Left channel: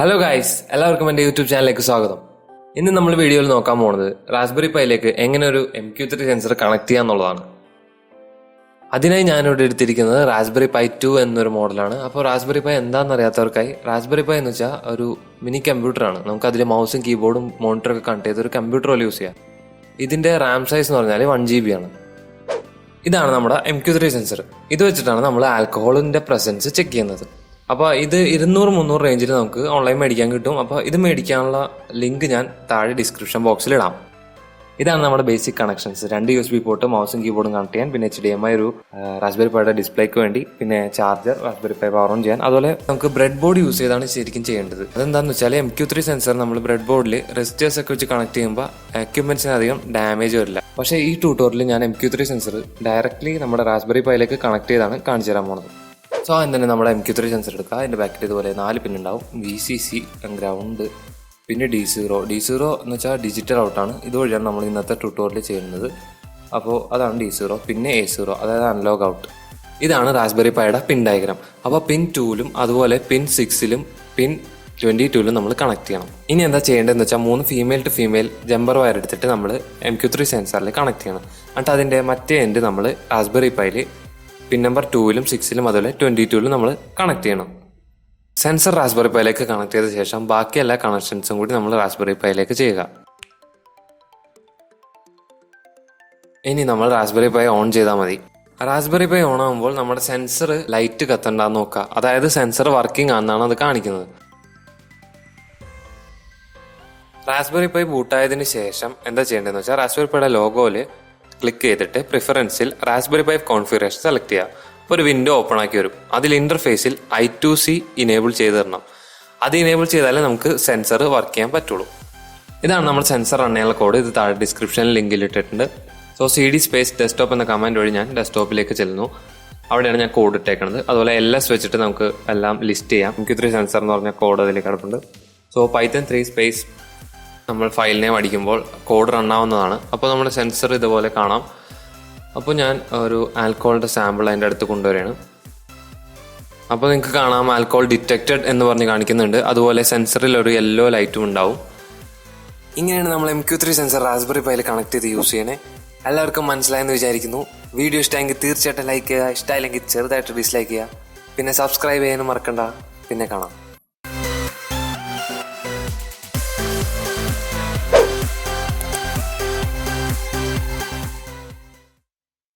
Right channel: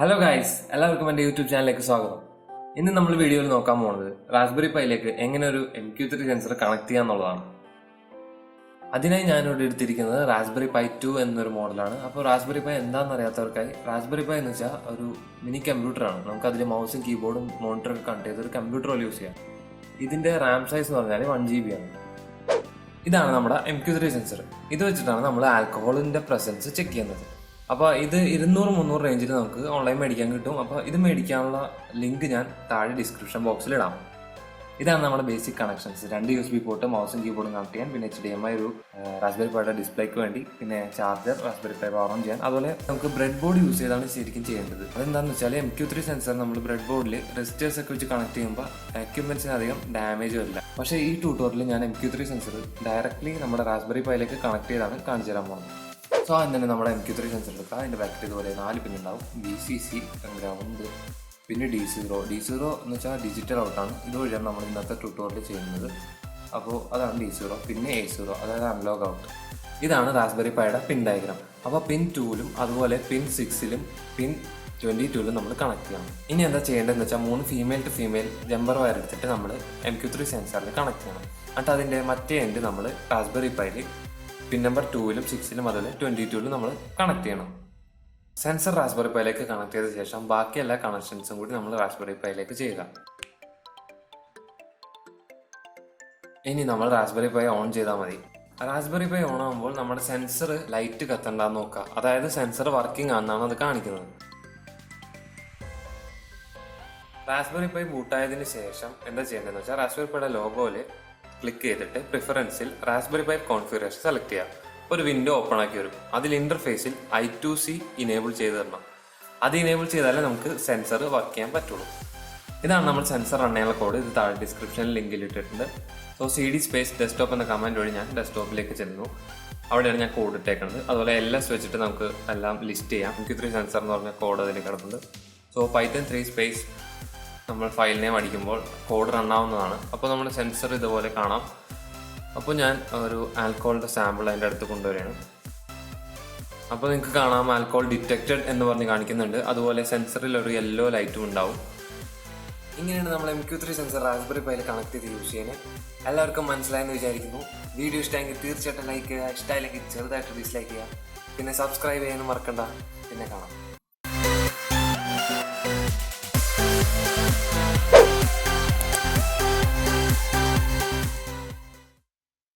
Hello guys, എല്ലാവർക്കും എൻ്റെ YouTube ചാനലിലേക്ക് സ്വാഗതം. ഇന്ന് നമ്മൾ വീഡിയോയിൽ നോക്കാൻ പോകുന്നത് റാസ്ബെറി പൈയിലേക്ക് എങ്ങനെ ഒരു MQ3 സെൻസർ കണക്ട് ചെയ്യാന്നുള്ളതാണ്. അതിനായി ഞാനിവിടെ എടുത്തിരിക്കുന്നത് റാസ്ബെറി പൈ 2 എന്നൊരു മോഡലാണ്. അപ്പോൾ റാസ്ബെറി പൈ എന്താണെന്ന് അറിയാത്തവർക്കായി, റാസ്ബെറി പൈ എന്ന് വെച്ചാൽ ഒരു മിനി കമ്പ്യൂട്ടറാണ്. നമുക്ക് അതിൽ മൗസും കീബോർഡും മോണിറ്ററൊക്കെ കണക്ട് ചെയ്ത് ഒരു കമ്പ്യൂട്ടർ പോലെ യൂസ് ചെയ്യാം. ഇതിൻ്റെ റാം സൈസ് എന്ന് പറഞ്ഞാൽ 1 GB ആണ്. ഇതാണ് നമ്മുടെ MQ3 സെൻസർ. ഇത് വെച്ചിട്ടാണ് നമ്മൾ ആൽക്കഹോളിൻ്റെ പ്രസൻസ് ചെക്ക് ചെയ്യുന്നത്. അപ്പോൾ ഇത് 200-300 റേഞ്ചിൽ നമുക്ക് ഓൺലൈൻ മേടിക്കാൻ കിട്ടും. അപ്പോൾ ഇത് മേടിക്കാനുള്ള ലിങ്ക് ഞാൻ താഴെ ഡിസ്ക്രിപ്ഷൻ ബോക്സിൽ ഇടാം. ഇതാണ് നമ്മുടെ ബേസിക് കണക്ഷൻസ്. 2 USB പോർട്ട്, മൗസും കീബോർഡും കണക്ട് ചെയ്യാൻ, പിന്നെ HDMI ഒരു റാസ്ബെറി പൈയുടെ ഡിസ്പ്ലേക്ക് വേണ്ടി, പിന്നെ charger, raspberry pi power on ചെയ്യാൻ. അതുപോലെ നമുക്ക് ബ്രെഡ് ബോർഡ് യൂസ് ചെയ്താണ് ശരിക്കും ചെയ്യേണ്ടത്. അതെന്താണെന്ന് വെച്ചാൽ MQ3 സെൻസർ നമ്മൾ ബ്രെഡ് ബോർഡിൽ റെസിസ്റ്റേഴ്സ് ഒക്കെ വെച്ച് കണക്ട് ചെയ്യുമ്പോൾ എക്യുപ്മെന്റ്സിന് അധികം ഡാമേജ് വരില്ല. പക്ഷേ ഈ ട്യൂട്ടോറിയലിൽ ഞാൻ MQ3 സെൻസർ ഡയറക്റ്റ്ലി നമ്മുടെ റാസ്ബെറി പൈയിലേക്ക് കണക്ട് ചെയ്താണ് കാണിച്ചു തരാൻ പോകുന്നത്. സോ അതിന് തന്നെ നമ്മുടെ MQ3 സെൻസർ എടുക്കുക. അതിൻ്റെ ബാക്കിൽ ഇതുപോലെ 4 പിൻ ഉണ്ടാവും. VCC, ഗ്രൗണ്ട്, പിന്നെ D0 എന്ന് വെച്ചാൽ ഡിജിറ്റൽ ഔട്ടാണ്. ഇതുവഴിയാണ് നമ്മൾ ഇന്നത്തെ ട്യൂട്ടോറിയൽ ചെയ്യുന്നത്. അപ്പോൾ അതാണ് D0. പിന്നെ A0, അതായത് അനലോഗ് ഔട്ട്. ഇതാണ് റാസ്ബെറി പൈയുടെ പിൻ ഡയഗ്രാം. അപ്പോൾ പിൻ 2ലും അതുപോലെ പിൻ 6ലും പിൻ 22ലും നമ്മൾ കണക്ട് ചെയ്യണം. ഇനി എന്താ ചെയ്യേണ്ടതെന്ന് വെച്ചാൽ 3 female to female jumper wire എടുത്തിട്ട് നമ്മൾ MQ3 സെൻസറിൽ കണക്ട് ചെയ്യണം. എന്നിട്ട് അതിൻ്റെ മറ്റേ എൻഡ് നമ്മൾ റാസ്ബെറി പൈയിൽ പിൻ നമ്പർ 2ലും 6ലും അതുപോലെ 22ലും നമ്മൾ കണക്ട് ചെയ്യണം. സെൻസർ റാസ്ബെറി പൈയിലേക്ക് കണക്ട് ചെയ്ത ശേഷം ബാക്കി എല്ലാ കണക്ഷൻസും കൂടി നമ്മൾ റാസ്ബെറി പൈയിലേക്ക് ചെയ്യുക. ഇനി നമ്മൾ റാസ്ബെറി പൈ ഓൺ ചെയ്താൽ മതി. റാസ്ബെറി പൈ ഓൺ ആകുമ്പോൾ നമ്മുടെ സെൻസർ ലൈറ്റ് കത്തണ്ടെന്ന് നോക്കുക. അതായത് സെൻസർ വർക്കിംഗ് ആണെന്നാണ് അത് കാണിക്കുന്നത്. റാസ്ബെറി പൈ ബൂട്ടായതിനു ശേഷം എന്താ ചെയ്യേണ്ടതെന്ന് വെച്ചാൽ റാസ്ബെറി പൈയുടെ ലോഗോയിൽ ക്ലിക്ക് ചെയ്തിട്ട് പ്രിഫറൻസിൽ റാസ്ബെറി പൈ കോൺഫിഗറേഷൻ സെലക്ട് ചെയ്യുക. ഒരു വിൻഡോ ഓപ്പൺ ആക്കി വരും. അതിൽ ഇന്റർഫേസിൽ I2C ഇനേബിൾ ചെയ്ത് തരണം. അത് ഇനേബിൾ ചെയ്താലേ നമുക്ക് സെൻസർ വർക്ക് ചെയ്യാൻ പറ്റുള്ളൂ. ഇതാണ് നമ്മൾ സെൻസർ റൺ ചെയ്യാനുള്ള കോഡ്. ഇത് താഴെ ഡിസ്ക്രിപ്ഷനിൽ ലിങ്കിൽ ഇട്ടിട്ടുണ്ട്. സോ CD സ്പേസ് ഡെസ്ക്ടോപ്പ് എന്ന കമാൻഡ് വഴി ഞാൻ ഡെസ്ക്ടോപ്പിലേക്ക് ചെല്ലുന്നു. അവിടെയാണ് ഞാൻ കോഡ് ഇട്ടേക്കുന്നത്. അതുപോലെ LS വെച്ചിട്ട് നമുക്ക് എല്ലാം ലിസ്റ്റ് ചെയ്യാം. MQ3 സെൻസർ എന്ന് പറഞ്ഞ കോഡ് അതിൽ കിടപ്പുണ്ട്. സോ Python 3 സ്പേസ് നമ്മൾ ഫയൽ നെയിം അടിക്കുമ്പോൾ കോഡ് റൺ ആവുന്നതാണ്. അപ്പോൾ നമ്മുടെ സെൻസർ ഇതുപോലെ കാണാം. അപ്പോൾ ഞാൻ ഒരു ആൽക്കഹോളിൻ്റെ സാമ്പിൾ അതിൻ്റെ അടുത്ത് കൊണ്ടുവരികയാണ്. അപ്പോൾ നിങ്ങൾക്ക് കാണാം ആൽക്കഹോൾ ഡിറ്റക്റ്റഡ് എന്ന് പറഞ്ഞ് കാണിക്കുന്നുണ്ട്. അതുപോലെ സെൻസറിൽ ഒരു യെല്ലോ ലൈറ്റും ഉണ്ടാവും. ഇങ്ങനെയാണ് നമ്മൾ MQ3 സെൻസർ റാസ്ബെറി പൈയിൽ കണക്ട് ചെയ്ത് യൂസ് ചെയ്യണേ. എല്ലാവർക്കും മനസ്സിലായെന്ന് വിചാരിക്കുന്നു. വീഡിയോ ഇഷ്ടമെങ്കിൽ തീർച്ചയായിട്ടും ലൈക്ക് ചെയ്യുക. ഇഷ്ടമായില്ലെങ്കിൽ ചെറുതായിട്ട് ഡിസ്ലൈക്ക് ചെയ്യുക. പിന്നെ സബ്സ്ക്രൈബ് ചെയ്യാനും മറക്കണ്ട. പിന്നെ കാണാം.